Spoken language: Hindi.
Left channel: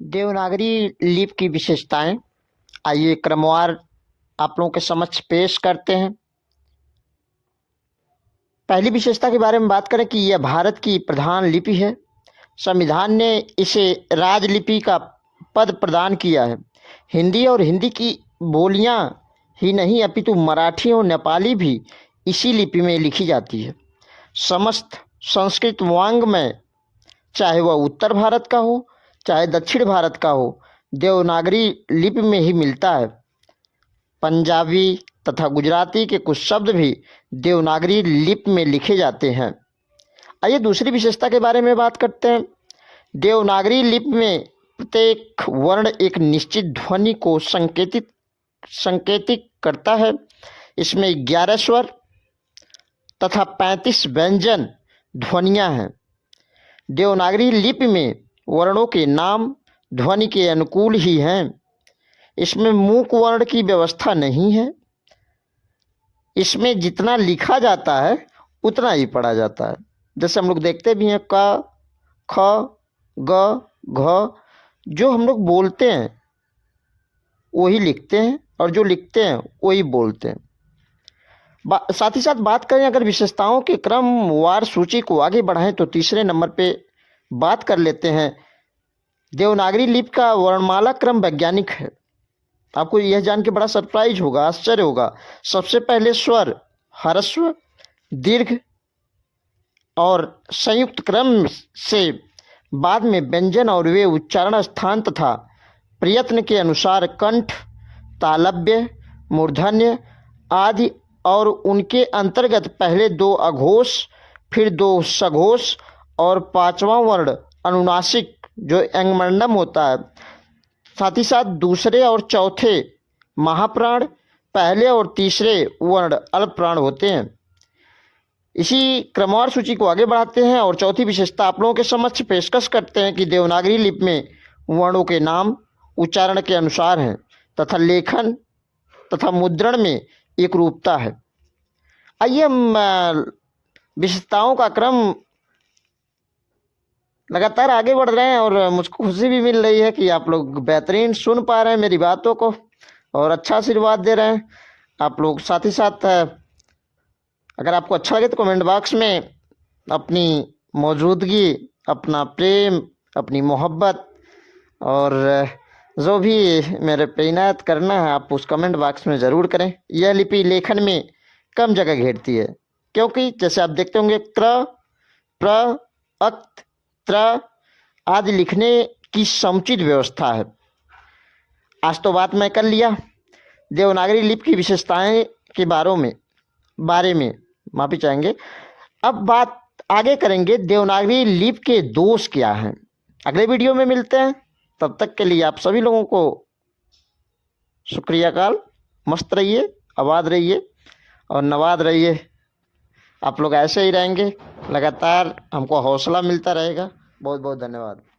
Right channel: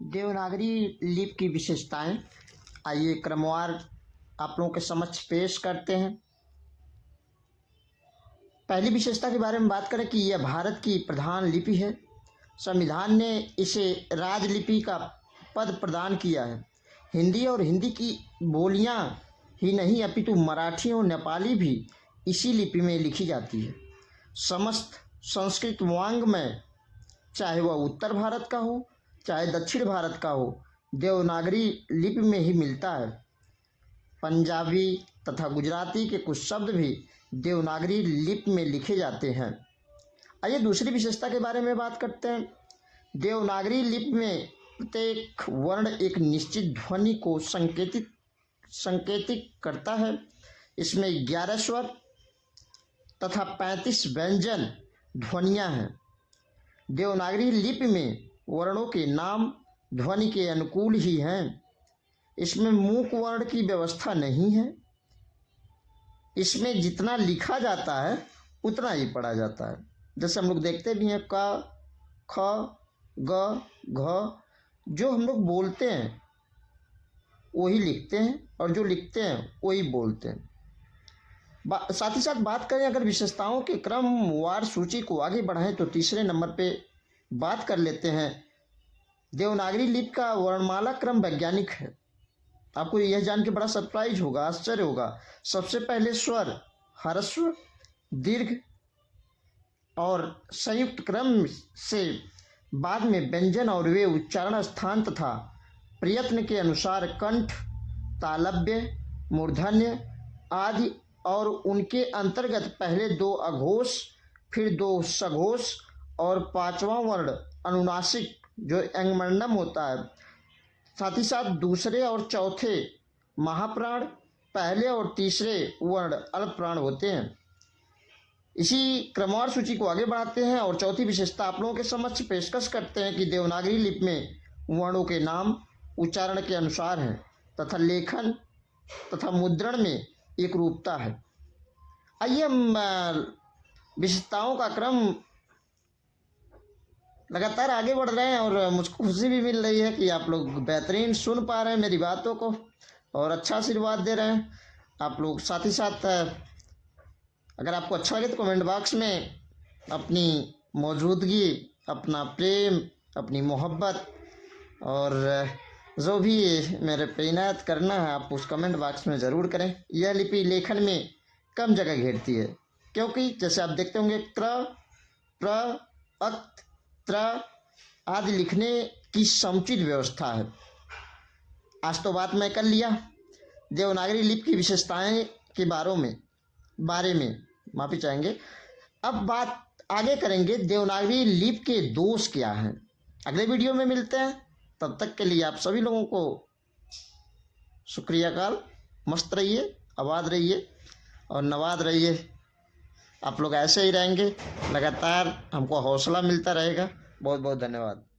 देवनागरी लिपि की विशेषताएं आइए क्रमवार आप लोगों के समक्ष पेश करते हैं। पहली विशेषता के बारे में बात करें कि यह भारत की प्रधान लिपि है। संविधान ने इसे राजलिपि का पद प्रदान किया है। हिंदी और हिंदी की बोलियां ही नहीं अपितु मराठी और नेपाली भी इसी लिपि में लिखी जाती है। समस्त संस्कृत वाङ्मय चाहे वह उत्तर भारत का हो चाहे दक्षिण भारत का हो, देवनागरी लिपि में ही मिलता है। पंजाबी तथा गुजराती के कुछ शब्द भी देवनागरी लिपि में लिखे जाते हैं। आइए दूसरी विशेषता के बारे में बात करते हैं। देवनागरी लिपि में प्रत्येक वर्ण एक निश्चित ध्वनि को संकेतित करता है। इसमें 11 स्वर तथा 35 व्यंजन ध्वनियाँ हैं। देवनागरी लिपि में वर्णों के नाम ध्वनि के अनुकूल ही हैं। इसमें मूक वर्ण की व्यवस्था नहीं है। इसमें जितना लिखा जाता है उतना ही पढ़ा जाता है। जैसे हम लोग देखते भी हैं क, ख, ग, घ, जो हम लोग बोलते हैं वही लिखते हैं और जो लिखते हैं वही बोलते हैं। साथ ही साथ बात करें अगर विशेषताओं के क्रमवार सूची को आगे बढ़ाएं तो तीसरे नंबर पे बात कर लेते हैं। देवनागरी लिपि का वर्णमाला क्रम वैज्ञानिक है। आपको यह जान के बड़ा सरप्राइज होगा, आश्चर्य होगा। सबसे पहले स्वर ह्रस्व, दीर्घ और संयुक्त क्रम से बाद में व्यंजन और वे उच्चारण स्थान तथा प्रयत्न के अनुसार कंठ, तालव्य, मूर्धन्य आदि और उनके अंतर्गत पहले 2 अघोष, फिर 2 सघोष और 5वां वर्ण अनुनासिक जो अंगमंडम होता है। साथ ही साथ दूसरे और चौथे महाप्राण, पहले और तीसरे वर्ण अल्पप्राण होते हैं। इसी क्रमवार सूची को आगे बढ़ाते हैं और चौथी विशेषता आप लोगों के समक्ष पेशकश करते हैं कि देवनागरी लिपि में वर्णों के नाम उच्चारण के अनुसार हैं तथा लेखन तथा मुद्रण में एक रूपता है। आइए हम विशेषताओं का क्रम लगातार आगे बढ़ रहे हैं और मुझको खुशी भी मिल रही है कि आप लोग बेहतरीन सुन पा रहे हैं मेरी बातों को और अच्छा आशीर्वाद दे रहे हैं आप लोग। साथ ही साथ अगर आपको अच्छा लगे तो कमेंट बॉक्स में अपनी मौजूदगी, अपना प्रेम, अपनी मोहब्बत और जो भी मेरे पे इनायत करना है आप उस कमेंट बॉक्स में ज़रूर करें। यह लिपि लेखन में कम जगह घेरती है क्योंकि जैसे आप देखते होंगे क्र, प्र, अक्त, त्र आदि लिखने की समुचित व्यवस्था है। आज तो बात मैं कर लिया देवनागरी लिपि की विशेषताएं के बारे में माफ़ी चाहेंगे। अब बात आगे करेंगे देवनागरी लिपि के दोष क्या हैं। अगले वीडियो में मिलते हैं, तब तक के लिए आप सभी लोगों को शुक्रिया काल। मस्त रहिए, आबाद रहिए और नवाद रहिए। आप लोग ऐसे ही रहेंगे, लगातार हमको हौसला मिलता रहेगा। बहुत बहुत धन्यवाद।